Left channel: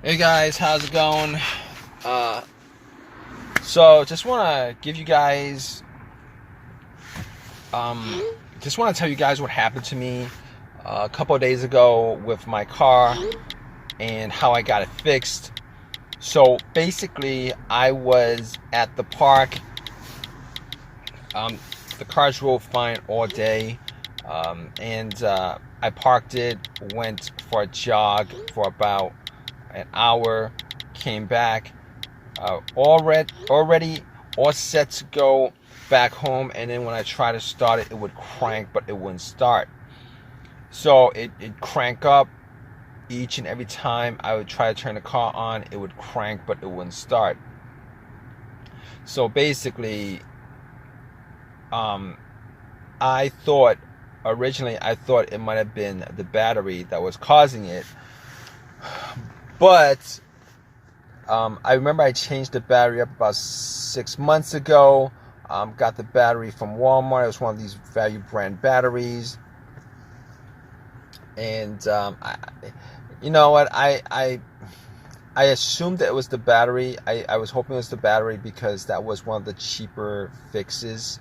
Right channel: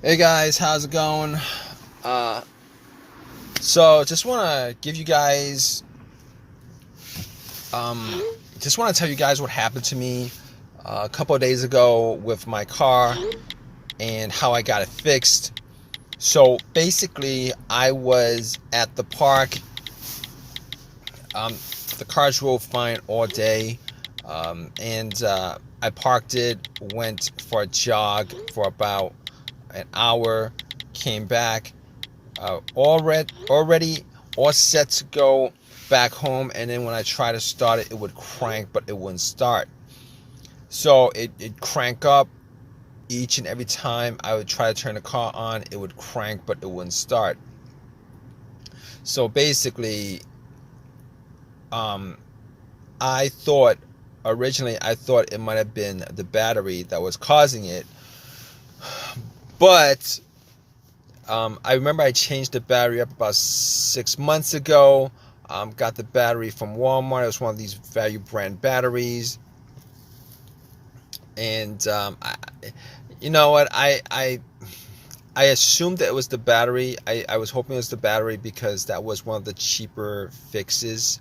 Hey guys, how's it going? Uh, so just want to give you guys, um, just want to tell you guys what happened to me a couple of days ago with my car and how I got it fixed. So basically, I was at the park. Um, the car drove fine all day, and I parked it, went for a jog for about an hour, came back. Already all set to go back home, and then when I try to start it, it would crank, but it wouldn't start. So it crank up each and every time I would try to turn the car on. It would crank, but it wouldn't start. So basically, um, I thought I thought it might have been the battery that was causing it, but I remember I changed the battery up about 6 months ago. Got the battery from Walmart. It was one of these value brand batteries. And you know what? I assumed that it was the battery. I was hoping it was the battery because that was one of the cheaper fixes.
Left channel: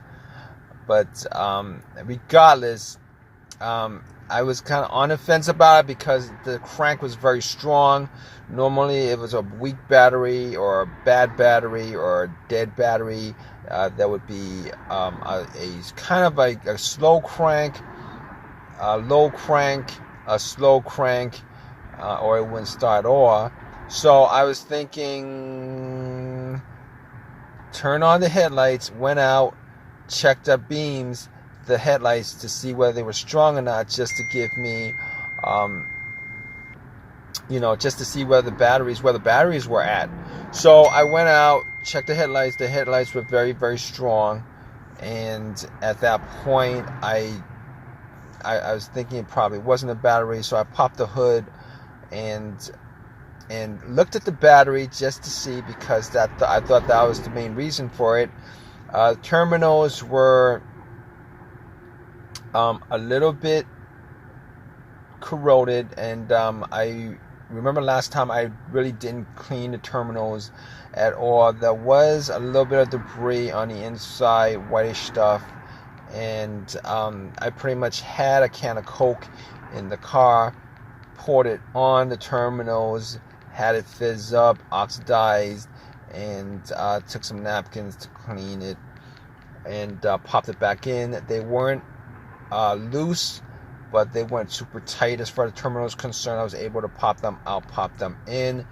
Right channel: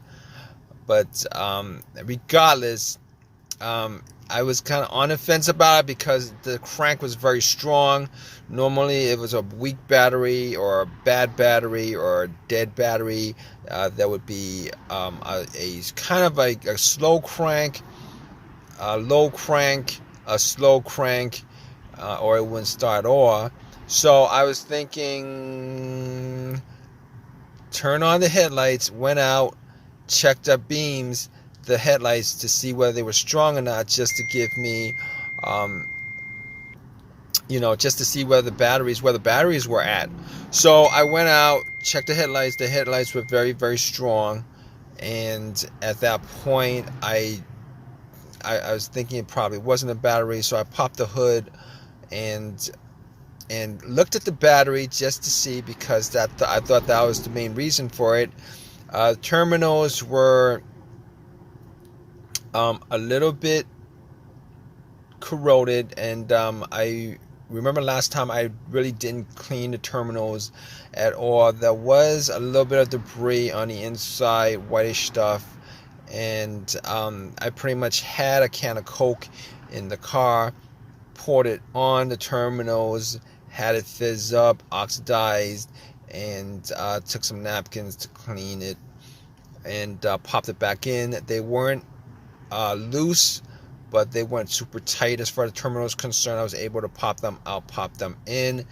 But regardless, I was kind of on the fence about it because the crank was very strong. Normally, it was a weak battery or a bad battery or a dead battery. That would be a kind of like a slow crank, a low crank, a slow crank, or it wouldn't start off. So I was thinking, turn on the headlights, went out, checked up the headlights to see whether they were strong or not, just to give me, um, just to see where the batteries were at. So I went out, checked the headlights. The headlights were very, very strong, and at that point, I was thinking it probably wasn't a battery. So I popped the hood and looked at the battery just to see, because I thought that was the main reason for it. Terminals were a little bit corroded, and I remember last time I really didn't clean the terminals at all. There was a little bit of debris on the inside, whitish stuff, and I pretty much had a can of Coke in the car, poured it on the terminals, had it fizz up, oxidized, and took some napkins to clean it, and popped it back in. They weren't loose, but they weren't super tight as far as the terminal is concerned. I was able to pop them out, pop them in,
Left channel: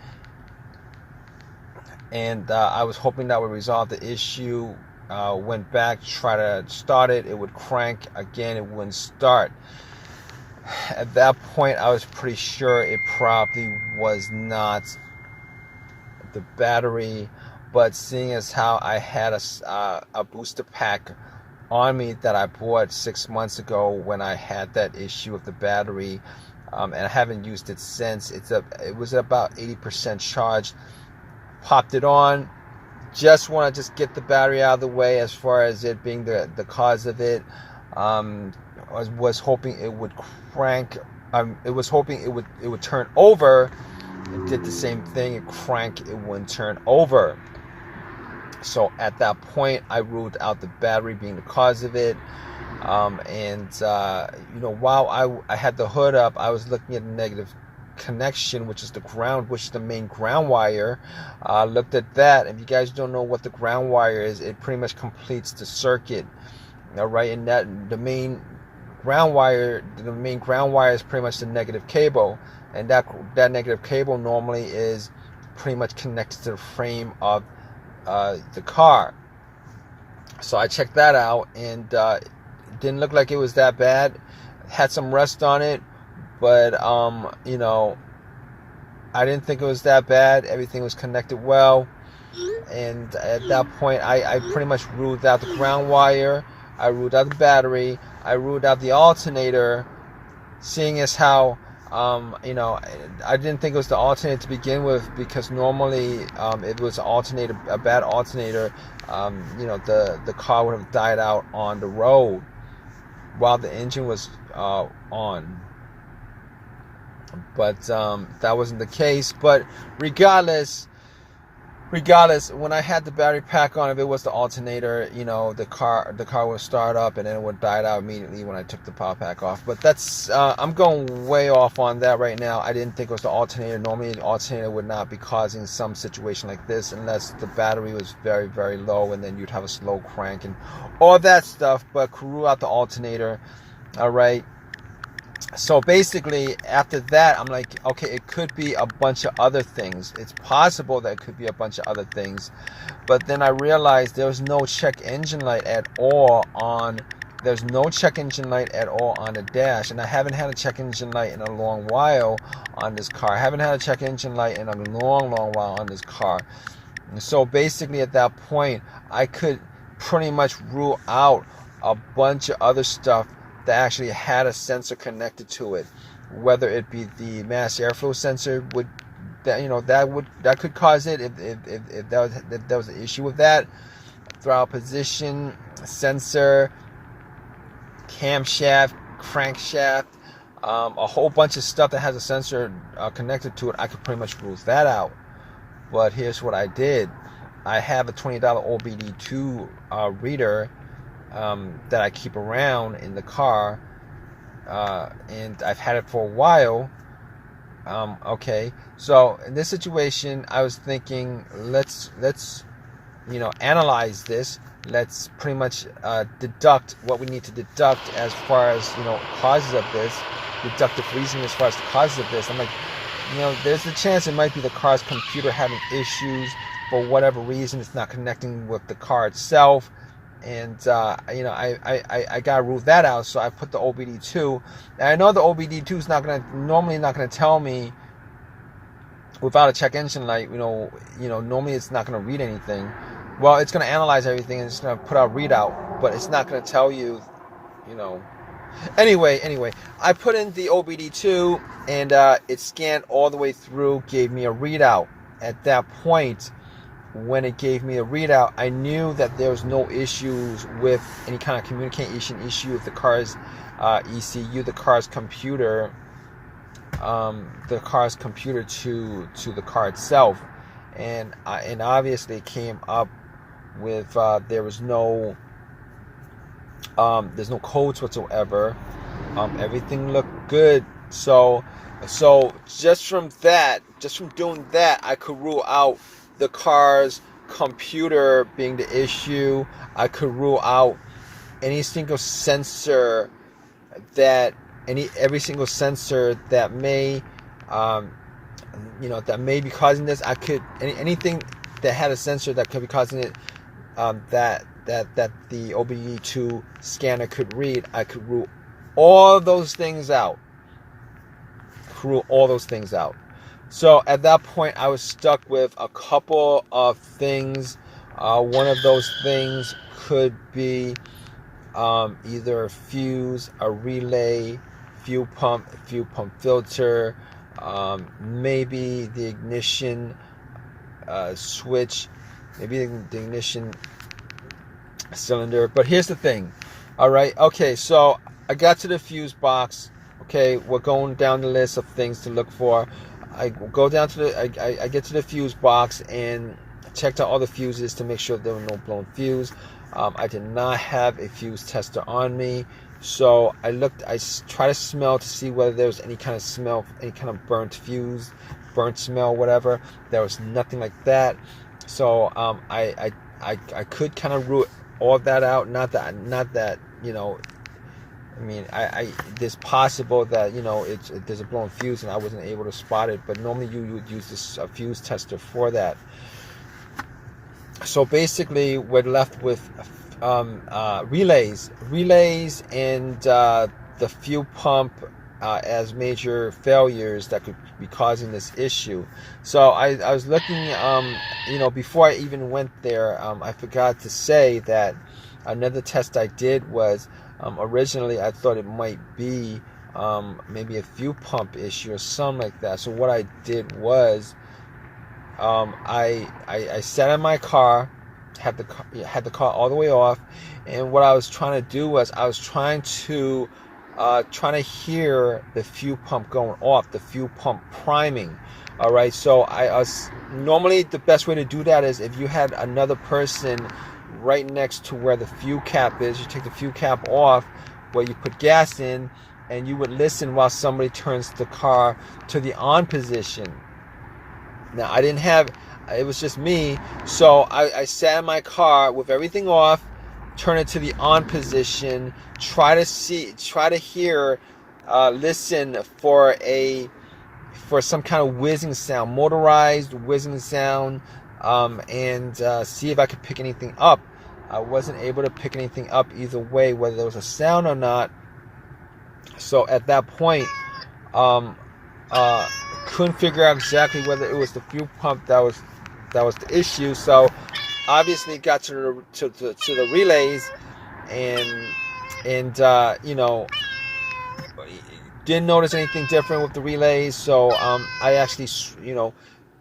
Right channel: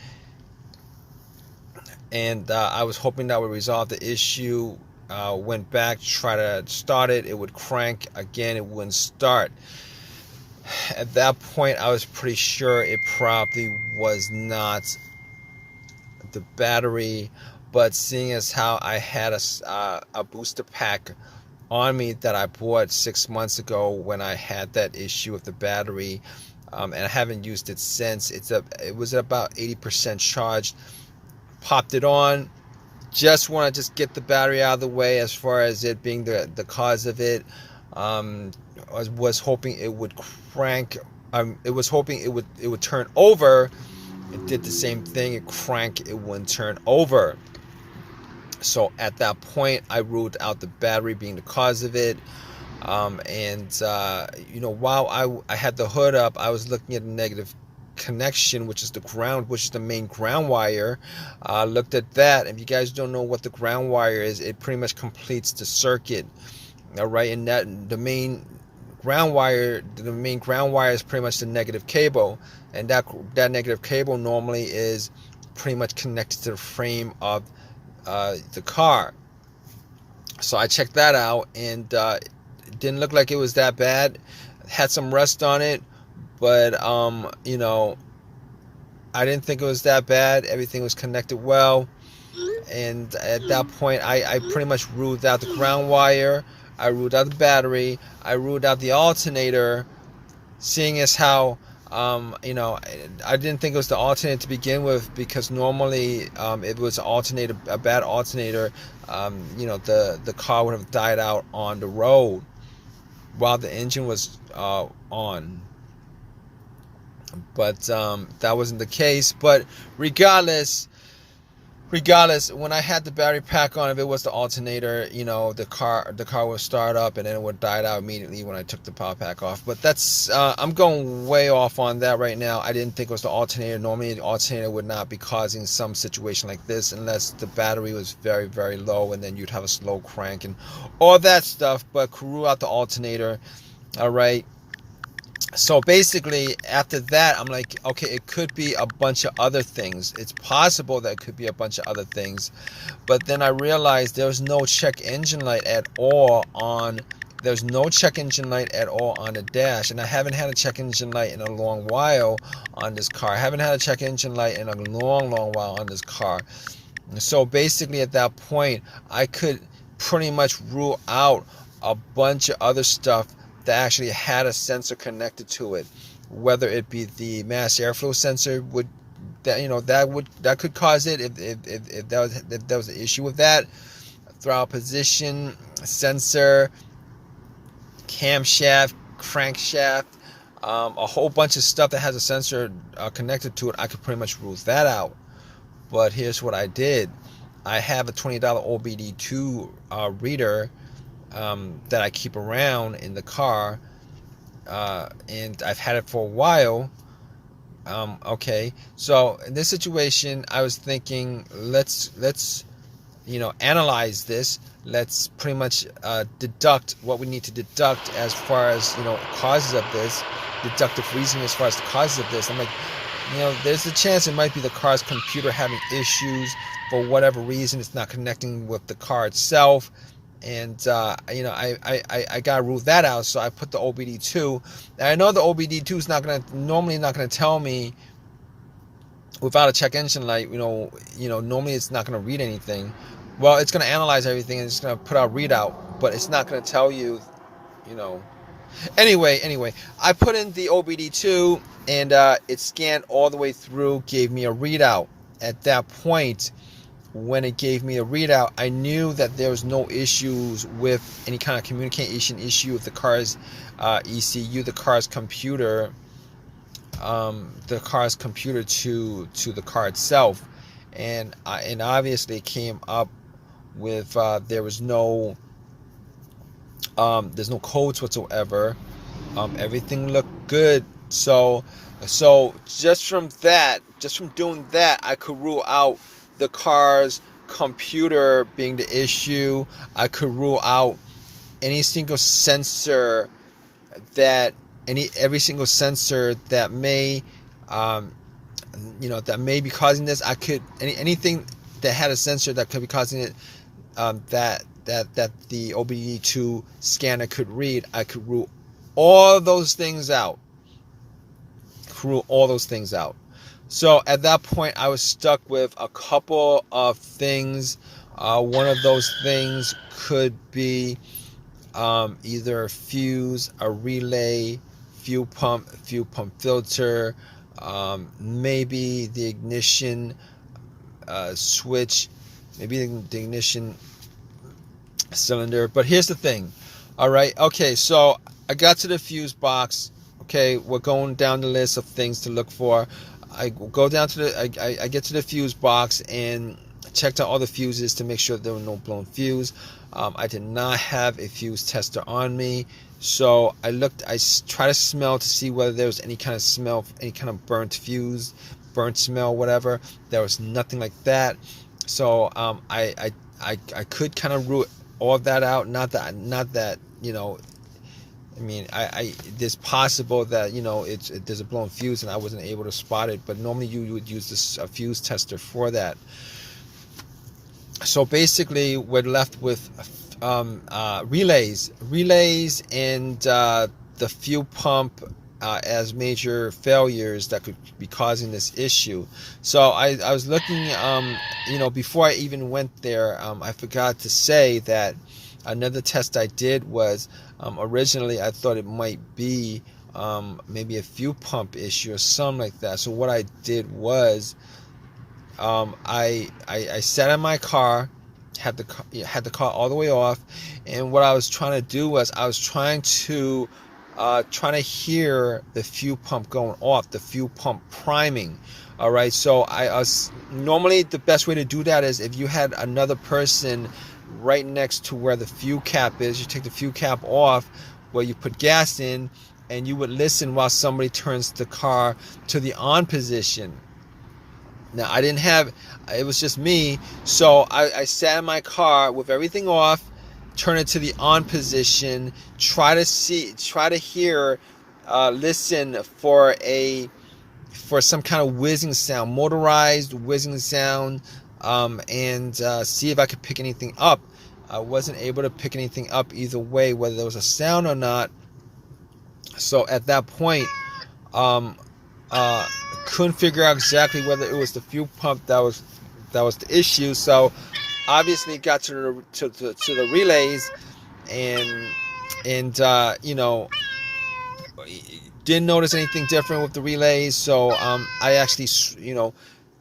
and I was hoping that would resolve the issue. Went back, tried to start it, it would crank again, it wouldn't start. At that point, I was pretty sure it probably was not the battery, but seeing as how I had a booster pack on me that I bought 6 months ago when I had that issue with the battery, and I haven't used it since. It was about 80% charged. Popped it on. Just want to just get the battery out of the way as far as it being the cause of it. I was hoping it would crank. It was hoping it would turn over. It did the same thing. It cranked. It wouldn't turn over. So at that point, I ruled out the battery being the cause of it. While I had the hood up, I was looking at the negative connection, which is the ground, which is the main ground wire. Looked at that. If you guys don't know what the ground wire is, it pretty much completes the circuit. All right, and that the main ground wire is pretty much the negative cable, and that negative cable normally is pretty much connected to the frame of the car. So I checked that out, and it didn't look like it was that bad. Had some rust on it, but I didn't think it was that bad. Everything was connected well, and at that point, I pretty much ruled out the ground wire. I ruled out the battery. I ruled out the alternator, seeing as how I didn't think it was the alternator to begin with, because normally if it was a bad alternator, the car would have died out on the road while the engine was on. but that wasn't the case. But regardless, when I had the battery pack on, if it was the alternator, the car would start up and then it would die out immediately when I took the power pack off. But that's I'm going way off on that right now. I didn't think it was the alternator. Normally the alternator would not be causing some situation like this unless the battery was very, very low, and then you'd have a slow crank and all that stuff. But rule out the alternator. All right. So basically, after that, I'm like, okay, it could be a bunch of other things. It's possible that it could be a bunch of other things. But then I realized there was no check engine light at all on, there's no check engine light at all on the dash. And I haven't had a check engine light in a long while on this car. I haven't had a check engine light in a long, long while on this car. So basically, at that point, I could pretty much rule out a bunch of other stuff that actually had a sensor connected to it, whether it be the mass airflow sensor that could cause it if that was the issue with that, throttle position sensor, camshaft, crankshaft, a whole bunch of stuff that has a sensor connected to it. I could pretty much rule that out. But here's what I did. I have a $20 OBD2 reader that I keep around in the car, and I've had it for a while. Okay, so in this situation, I was thinking, let's analyze this. Let's pretty much deduct what we need to deduct as far as causes of this, deductive reasoning as far as the causes of this. I'm like, there's a chance it might be the car's computer having issues for whatever reason. It's not connecting with the car itself. And I gotta rule that out. So I put the OBD2. And I know the OBD2 is normally not gonna tell me without a check engine light. Normally it's not gonna read anything. Well, it's gonna analyze everything and it's gonna put out readout, but it's not gonna tell you. Anyway, I put in the OBD2 and it scanned all the way through, gave me a readout. At that point, when it gave me a readout, I knew that there was no issues with any kind of communication issue with the car's ECU, the car's computer to the car itself, and obviously it came up with there's no codes whatsoever. Everything looked good. So just from doing that, I could rule out the car's computer being the issue. I could rule out every single sensor that may that may be causing this. Anything that had a sensor that could be causing it, that the OBD2 scanner could read. I could rule all those things out. So at that point, I was stuck with a couple of things. One of those things could be either a fuse, a relay, fuel pump filter, maybe the ignition switch, maybe the ignition cylinder. But here's the thing. All right. Okay. So I got to the fuse box. Okay. We're going down the list of things to look for. I go down to I get to the fuse box and checked out all the fuses to make sure there were no blown fuse. I did not have a fuse tester on me, so I tried to smell to see whether there was any kind of smell, any kind of burnt fuse, burnt smell, whatever. There was nothing like that. So I could kind of rule all of that out. Not that I mean, there's possible that there's a blown fuse and I wasn't able to spot it, but normally you would use a fuse tester for that. So basically, we're left with relays, and the fuel pump as major failures that could be causing this issue. So I was looking, before I even went there, I forgot to say that another test I did was. Originally, I thought it might be maybe a fuel pump issue or something like that. So what I did was I sat in my car, had the car all the way off, and what I was trying to do was I was trying to trying to hear the fuel pump going off, the fuel pump priming. All right, so normally the best way to do that is if you had another person right next to where the fuel cap is. You take the fuel cap off where you put gas in, and you would listen while somebody turns the car to the on position. Now, I didn't have, it was just me, so I sat in my car with everything off, turn it to the on position, try to hear, listen for some kind of whizzing sound, motorized whizzing sound, and see if I could pick anything up. I wasn't able to pick anything up either way, whether there was a sound or not. So at that point, couldn't figure out exactly whether it was the fuel pump that was the issue. So obviously got to the relays, and you know, didn't notice anything different with the relays. So I actually, you know,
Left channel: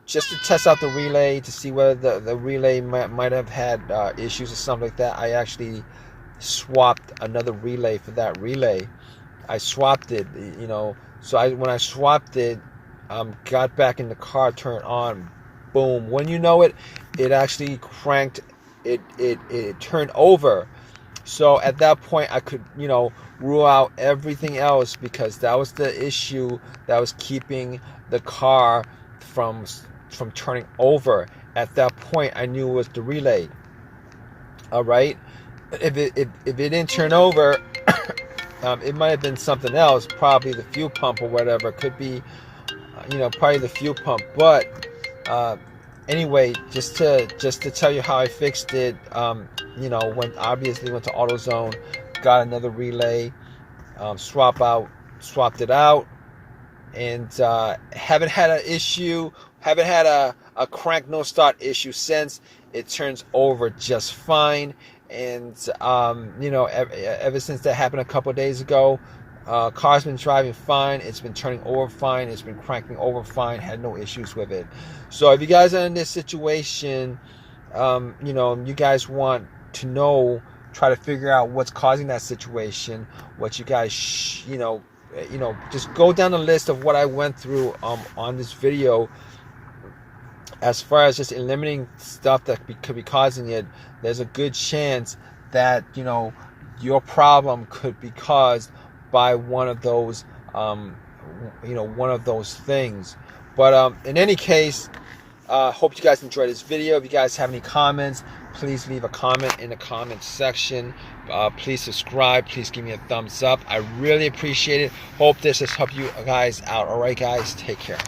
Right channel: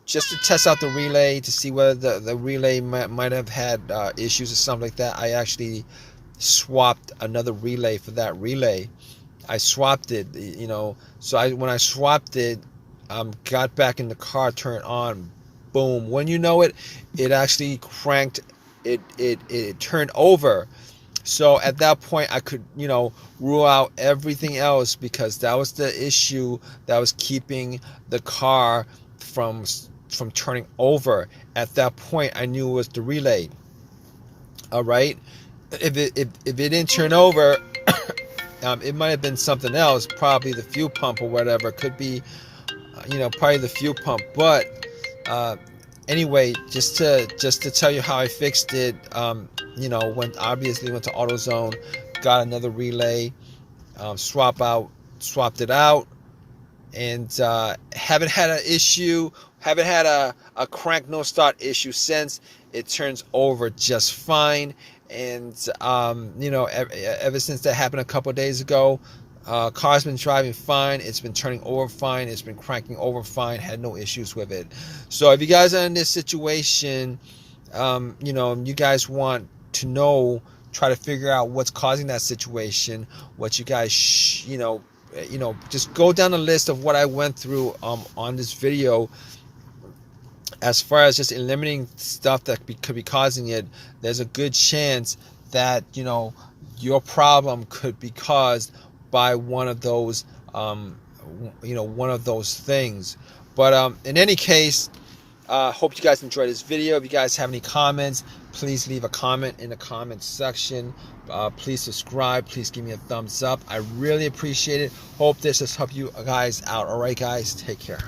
just to test out the relay to see whether the relay might have had issues or something like that, I actually swapped another relay for that relay. I swapped it, you know. So when I swapped it, got back in the car, turned on, boom. When you know it, it actually cranked. It turned over. So at that point, I could, you know, rule out everything else, because that was the issue that was keeping the car from turning over. At that point, I knew it was the relay. All right, if it didn't turn over, it might have been something else, probably the fuel pump or whatever. Could be, you know, probably the fuel pump. But anyway, just to tell you how I fixed it, you know, went to AutoZone, got another relay, swapped it out, and haven't had an issue, haven't had a crank no start issue since. It turns over just fine. And you know, ever since that happened a couple of days ago, car's been driving fine. It's been turning over fine. It's been cranking over fine. Had no issues with it. So if you guys are in this situation, you know, you guys want to know, try to figure out what's causing that situation, what you guys, you know, just go down the list of what I went through on this video. As far as just eliminating stuff that could be causing it, there's a good chance that, you know, your problem could be caused by one of those, you know, one of those things. But in any case, hope you guys enjoyed this video. If you guys have any comments, please leave a comment in the comment section. Please subscribe. Please give me a thumbs up. I really appreciate it. Hope this has helped you guys out. All right, guys, take care.